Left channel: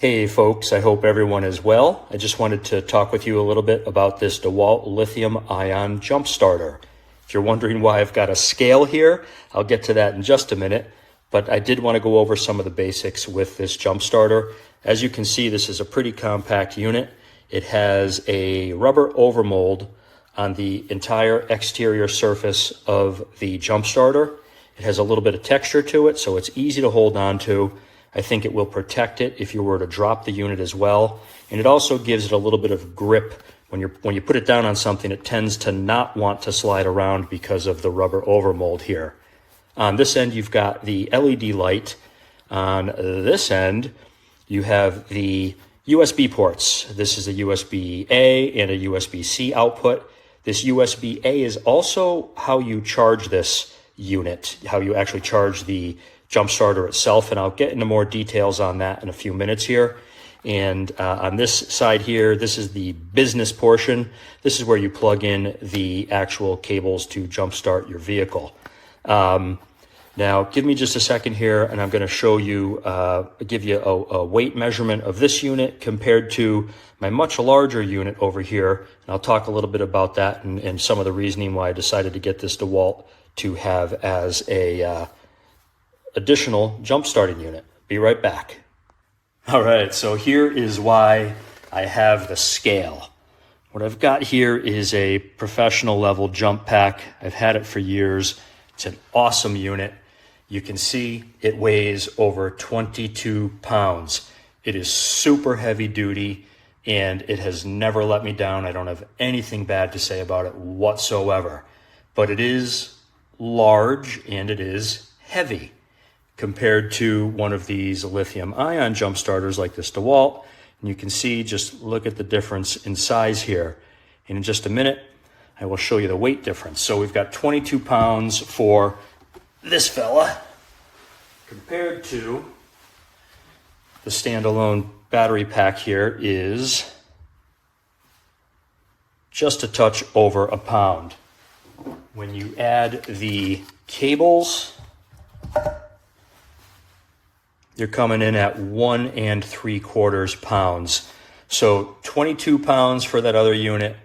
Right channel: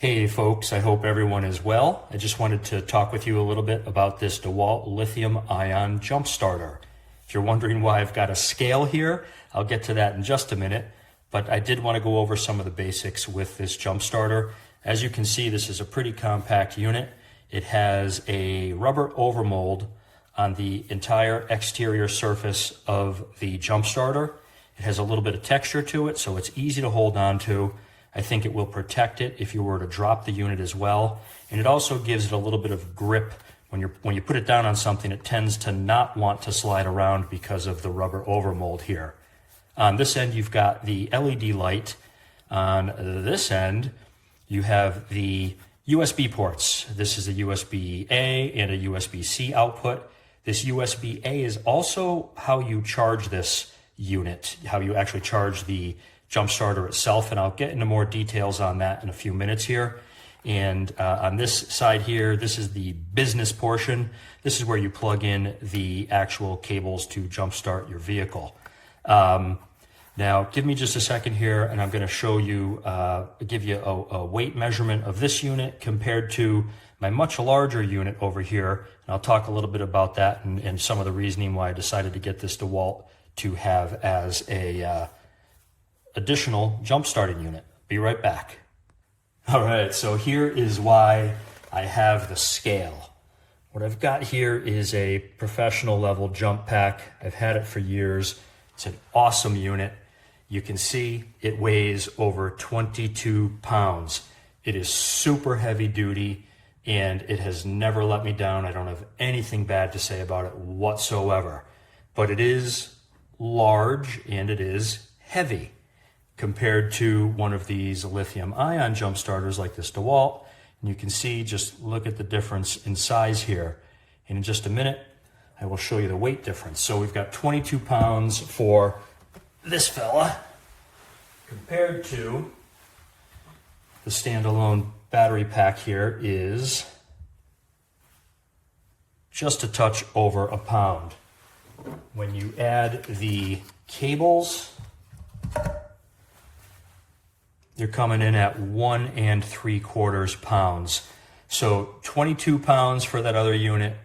Hey folks, I hope everyone is well. I just wanted to talk with you a little bit about this DeWalt lithium-ion jump starter. If you're wondering why I've got a scale here, I'll get to that in just a minute, but I did want to go over some of the basics with this jump starter. As you can see, this is a pretty compact unit. It has a rubber overmold on the entire exterior surface of the jump starter. It has a little bit of texture to it, so it's easy to hold on to. I think it will protect it if you were to drop the unit as well. And it also gives it a little bit of grip. When you put it down on something, it tends to not want to slide around because of the rubber overmold here. On this end, you've got the LED light. On this end, you have the USB ports. This is a USB-A and a USB-C output. This USB-A is also how you charge this unit, how you actually charge the jump starter itself, and I'll get into more details on that in a few minutes here. And on this side here, this is the business portion. This is where you plug in the actual cables to jumpstart your vehicle. Now, give me just a second here, and I'm going to show you, give you a weight measurement of this unit compared to my much larger unit over here. And I'll talk a little bit about that and some of the reasoning why I decided to get this DeWalt to have as a additional jump starting unit. Be right back. All right, so here is why I have the scale. What I've got here is a professional level jump pack. I've had it for years. It's an awesome unit. You can see it weighs over 22 pounds. It is super heavy duty and it has never let me down. I don't have anything bad to say about it whatsoever, but it is large and it is heavy compared to one of these lithium-ion jump starters like this DeWalt. And you can see, just look at the difference in size here. And in just a minute, I will show you the weight difference. So we've got 22 pounds for this fella compared to the standalone battery pack here is just a touch over a pound. When you add the cables, you're coming in at 1 3/4 pounds. So 22 pounds for that other unit,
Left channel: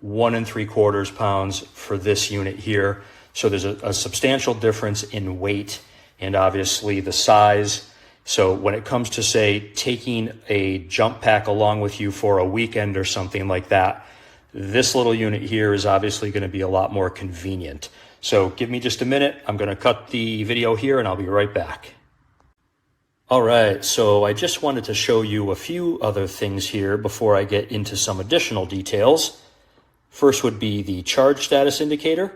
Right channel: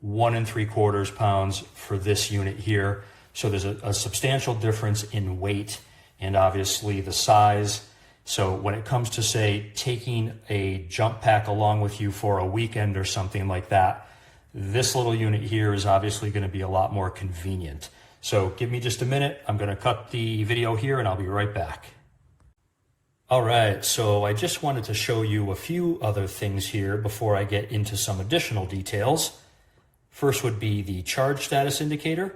1 3/4 pounds for this unit here. So there's a substantial difference in weight and obviously the size. So when it comes to, say, taking a jump pack along with you for a weekend or something like that, this little unit here is obviously going to be a lot more convenient. So give me just a minute. I'm going to cut the video here and I'll be right back. All right, so I just wanted to show you a few other things here before I get into some additional details. First would be the charge status indicator,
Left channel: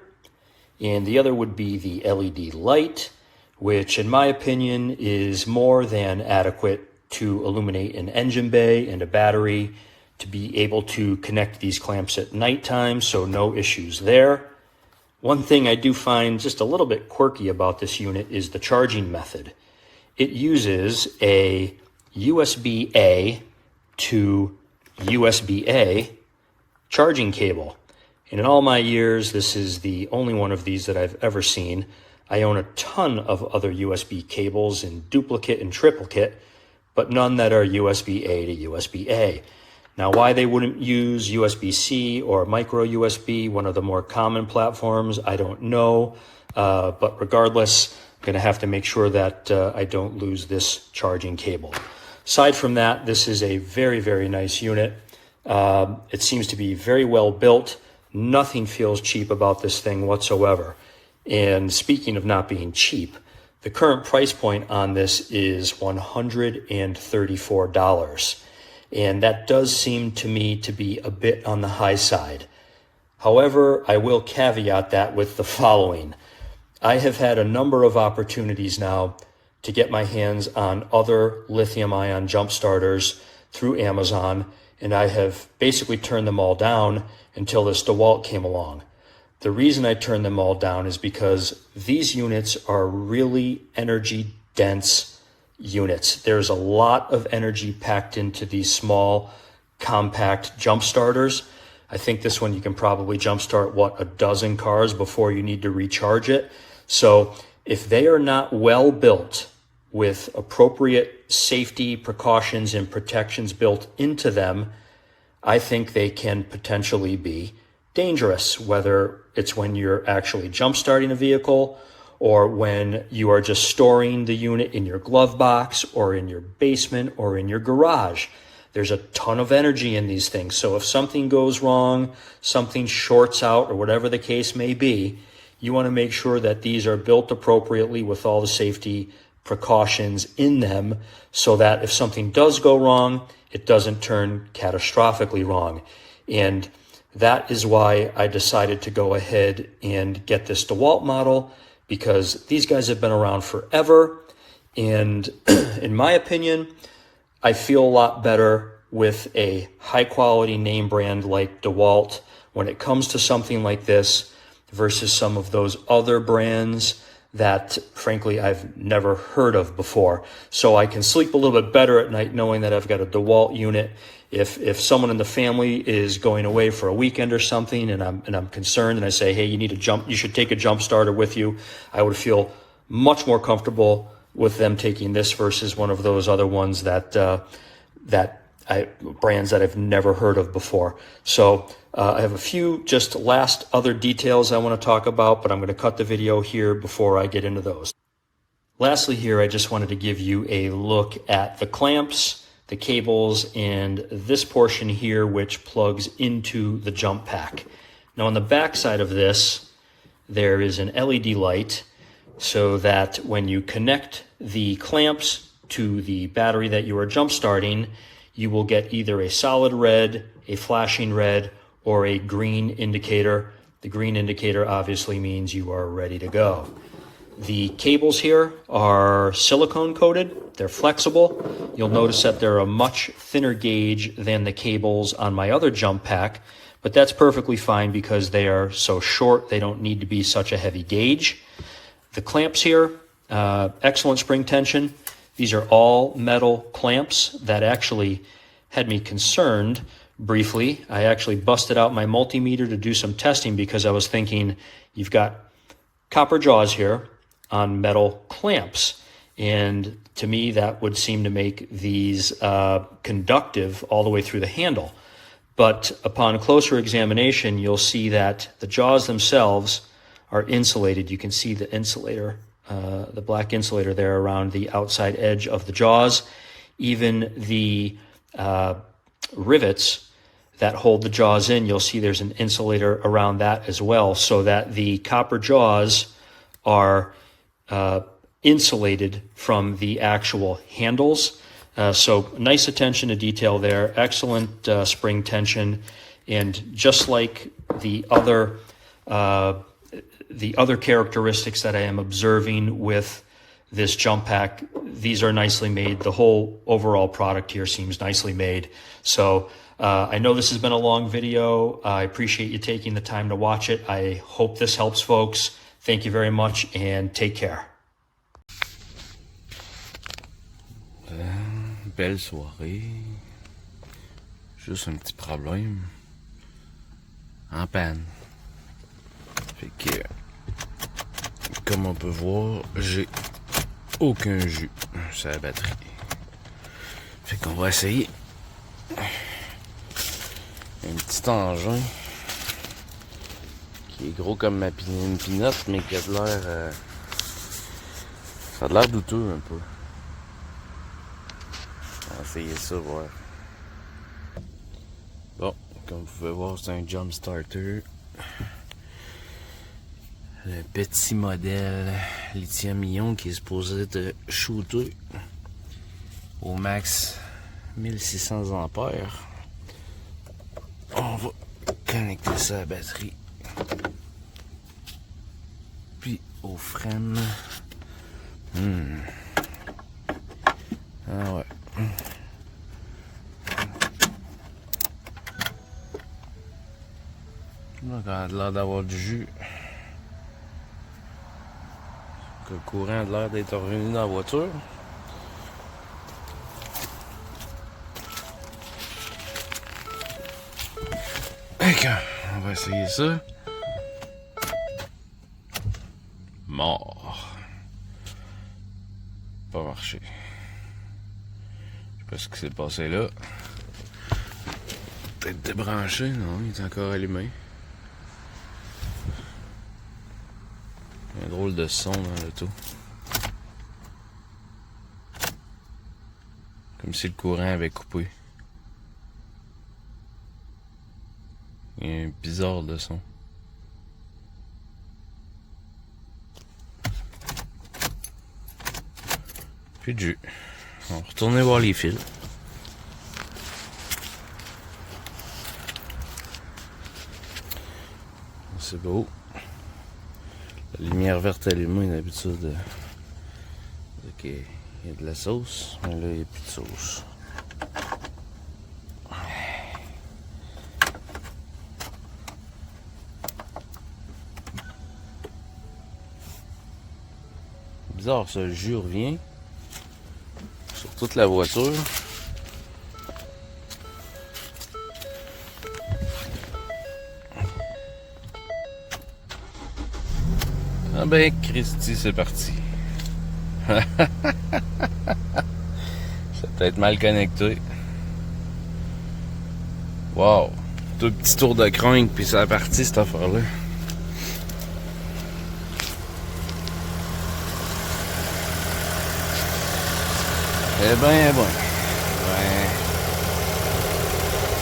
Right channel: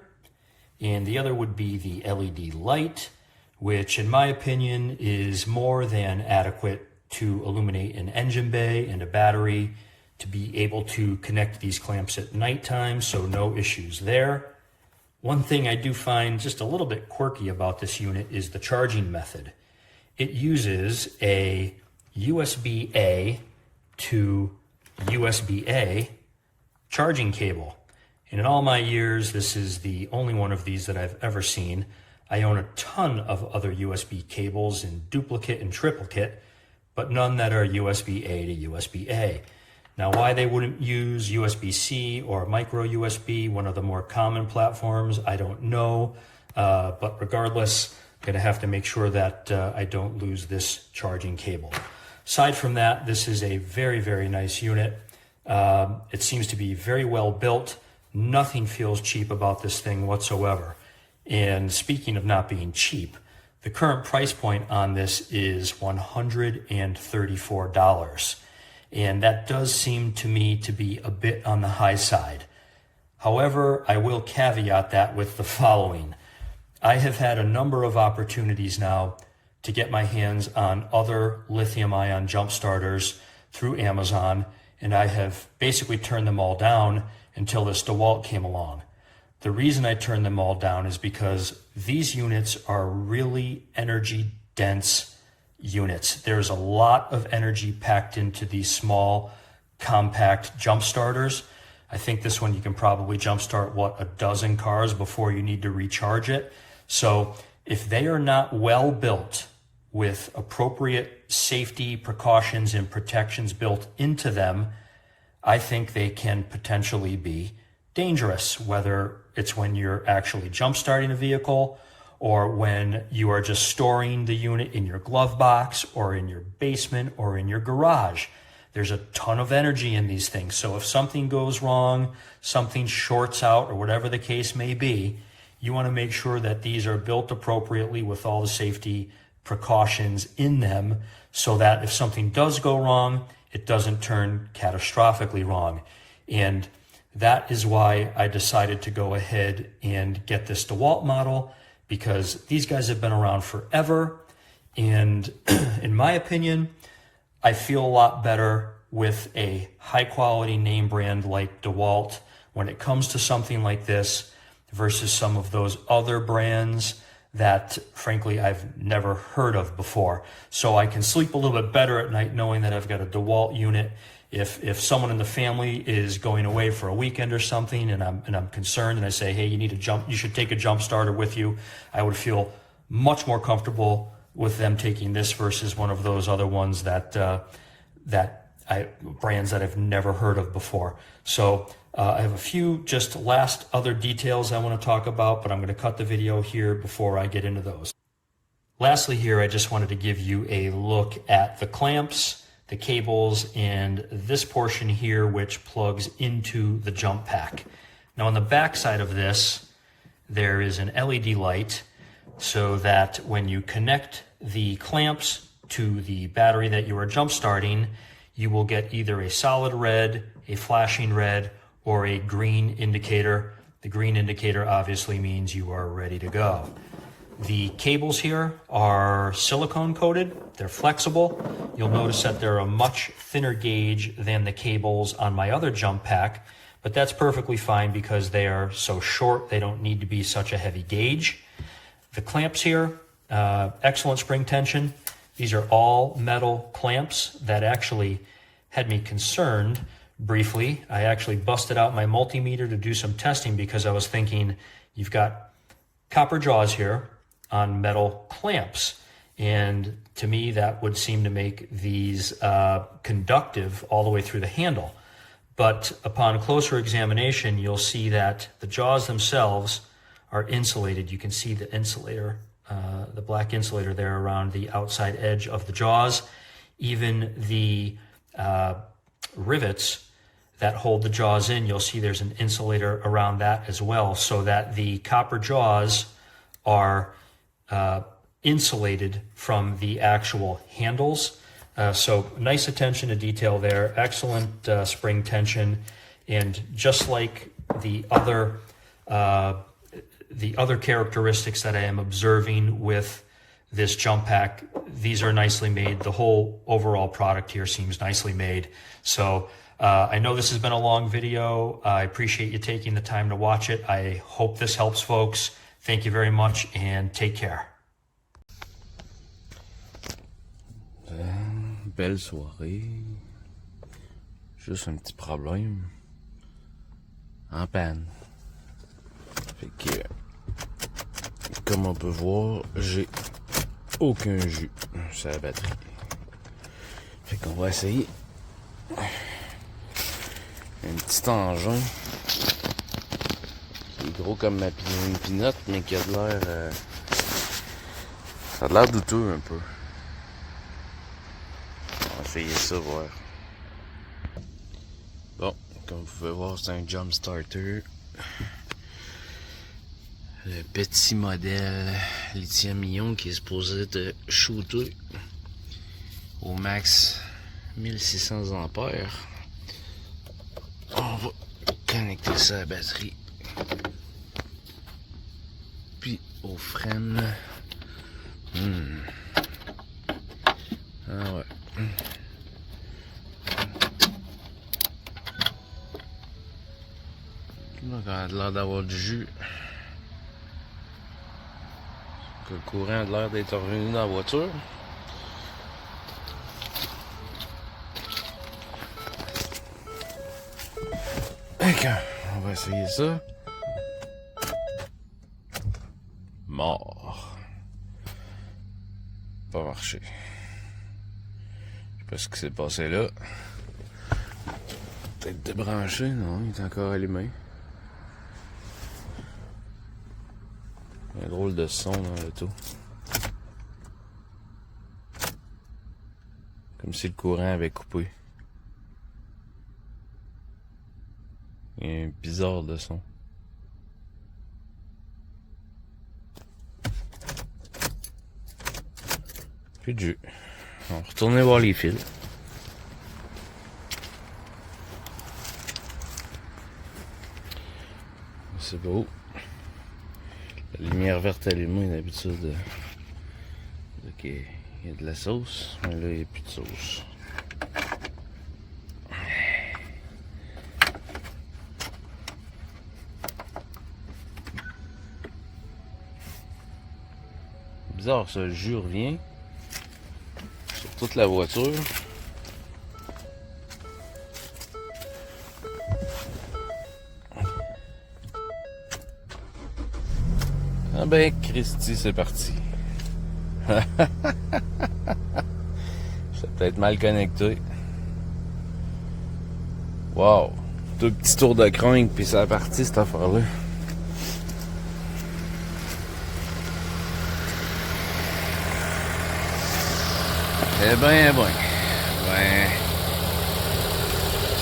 and the other would be the LED light, which in my opinion is more than adequate to illuminate an engine bay and a battery, to be able to connect these clamps at nighttime, so no issues there. One thing I do find just a little bit quirky about this unit is the charging method. It uses a USB-A to USB-A charging cable. And in all my years, this is the only one of these that I've ever seen. I own a ton of other USB cables in duplicate and triplicate, but none that are USB-A to USB-A. Now, why they wouldn't use USB-C or micro USB, one of the more common platforms, I don't know. But regardless, I'm going to have to make sure that I don't lose this charging cable. Aside from that, this is a very, very nice unit. It seems to be very well built. Nothing feels cheap about this thing whatsoever. And speaking of not being cheap, the current price point on this is $134. And that does seem to me to be a bit on the high side. However, I will caveat that with the following. I have had a number of opportunities now to get my hands on other lithium-ion jump starters through Amazon, and I have basically turned them all down until this DeWalt came along. The reason I turned them all down is because these units are really energy-dense units. There's a lot of energy packed into these small, compact jump starters. I think this one you can probably jump start, a dozen cars before you need to recharge it. So if they are not well built with appropriate safety precautions and protections built into them, I think they can potentially be dangerous, whether it's when you're actually jump starting a vehicle or when you are just storing the unit in your glove box or in your basement or in your garage. There's a ton of energy in these things. So if something goes wrong, something shorts out or whatever the case may be, you want to make sure that these are built appropriately with all the safety precautions in them so that if something does go wrong, it doesn't turn catastrophically wrong. And that is why I decided to go ahead and get this DeWalt model, because these guys have been around forever. And in my opinion, I feel a lot better with a high quality name brand like DeWalt when it comes to something like this versus some of those other brands that frankly I've never heard of before. So I can sleep a little bit better at night knowing that I've got a DeWalt unit. If someone in the family is going away for a weekend or something and I'm concerned and I say, hey, you should take a jump starter with you, I would feel much more comfortable with them taking this versus one of those other ones that brands that I've never heard of before. So I have a few just last other details I want to talk about, but I'm going to cut the video here before I get into those. Lastly here, I just wanted to give you a look at the clamps, the cables, and this portion here which plugs into the jump pack. Now on the back side of this, there is an LED light so that when you connect the clamps to the battery that you are jump starting, you will get either a solid red, a flashing red, or a green indicator. The green indicator obviously means you are ready to go. The cables here are silicone coated. They're flexible. You'll notice that they're a much thinner gauge than the cables on my other jump pack, but that's perfectly fine because they are so short, they don't need to be such a heavy gauge. The clamps here, excellent spring tension. These are all metal clamps that actually had me concerned briefly. I actually busted out my multimeter to do some testing because I was thinking, you've got copper jaws here on metal clamps. And to me, that would seem to make these conductive all the way through the handle. But upon closer examination, you'll see that the jaws themselves are insulated. You can see the insulator, the black insulator there around the outside edge of the jaws. Even the rivets that hold the jaws in, you'll see there's an insulator around that as well, so that the copper jaws are insulated from the actual handles. So nice attention to detail there, excellent spring tension, and just like the other characteristics that I am observing with this jump pack, these are nicely made. The whole overall product here seems nicely made. So I know this has been a long video. I appreciate you taking the time to watch it. I hope this helps folks. Thank you very much and take care. Belle soirée. Juste un petit problème. En panne. Fait que, comme on peut voir, j'ai aucun jus sur la batterie. Fait qu'on va essayer un petit engin qui est gros comme une pinotte, mais qui a de l'air ça a de l'air douteux un peu. On va essayer ça, voir. Bon, comme vous pouvez voir, c'est un jump starter. Le petit modèle lithium-ion qui est supposé te shooter au max 1600 ampères. On va connecter ça à la batterie. Puis aux freins. Ah ouais. Donc, on a l'air d'avoir du jus. Que le courant a l'air d'être revenu dans la voiture. On va essayer ça. Mort. Pas marché. marcher. Je sais pas ce qui s'est passé là. Peut-être débranché, non, il est encore allumé. Un drôle de son dans l'auto. Comme si le courant avait coupé. Il y a un bizarre de son. Puis de jus. On va retourner voir les fils. C'est beau. La lumière verte allumée, d'habitude, il y a de la sauce, mais là, il n'y a plus de sauce. Bizarre, ça, le jus revient sur toute la voiture. Ah ben, Christy, c'est parti. C'est peut-être mal connecté. Wow! Deux petits tours de crank, puis c'est parti cette affaire-là. Eh ben,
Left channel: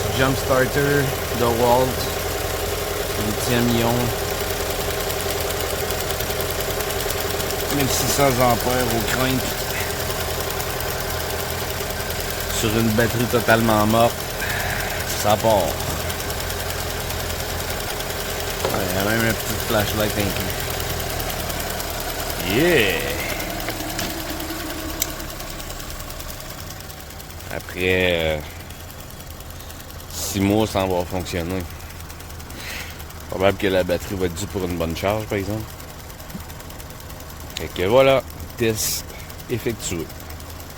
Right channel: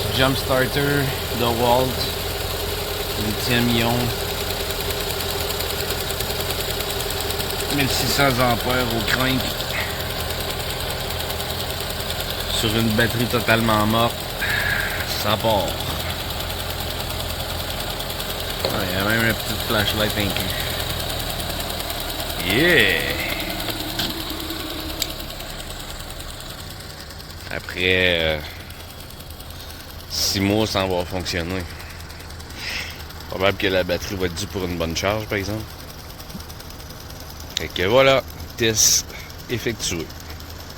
petit jump starter, DeWalt, lithium-ion, 1600 ampères au crank, sur une batterie totalement morte, ça part. Il y a même une petite flashlight inclus. Yeah! Après 6 mois sans avoir fonctionné. Probable que la batterie va être due pour une bonne charge, par exemple. Fait que voilà, test effectué.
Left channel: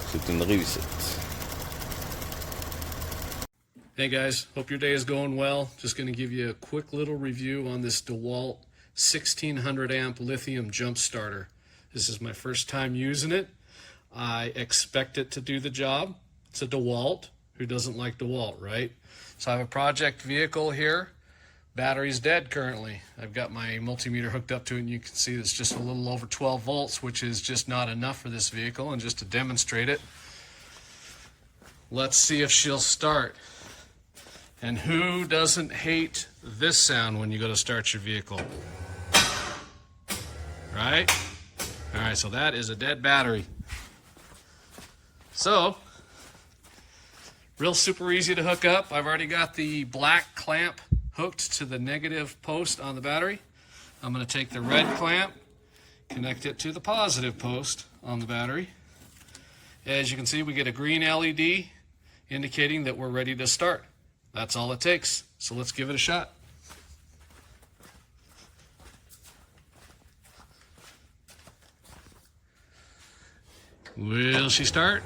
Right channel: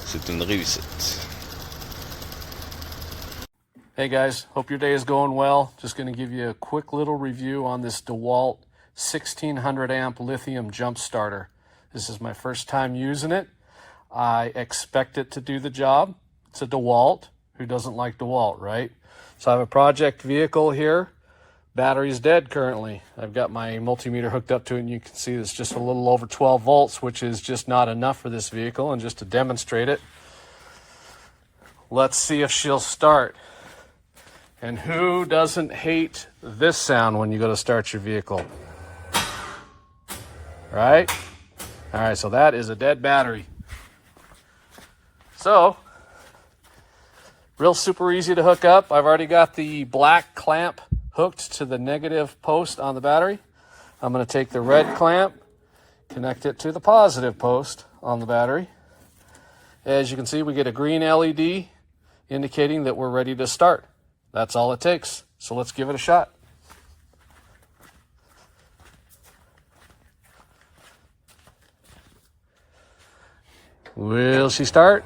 C'est une réussite. Hey guys, hope your day is going well. Just going to give you a quick little review on this DeWalt 1600 amp lithium jump starter. This is my first time using it. I expect it to do the job. It's a DeWalt. Who doesn't like DeWalt, right? So I have a project vehicle here. Battery's dead currently. I've got my multimeter hooked up to it, and you can see it's just a little over 12 volts, which is just not enough for this vehicle. And just to demonstrate it, let's see if she'll start. And who doesn't hate this sound when you go to start your vehicle? Right? All right, so that is a dead battery. So, real super easy to hook up. I've already got the black clamp hooked to the negative post on the battery. I'm going to take the red clamp, connect it to the positive post on the battery. As you can see, we get a green LED indicating that we're ready to start. That's all it takes. So let's give it a shot. Will she start?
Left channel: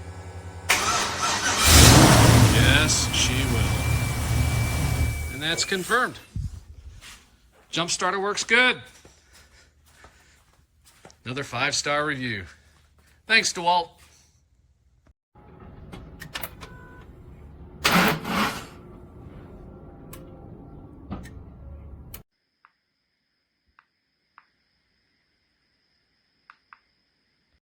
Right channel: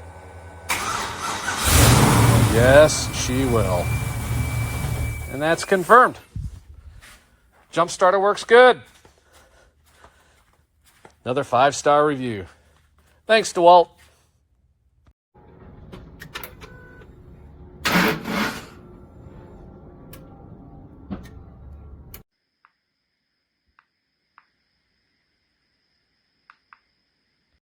Yes, she will. And that's confirmed. Jump starter works good. Another 5-star review. Thanks, DeWalt.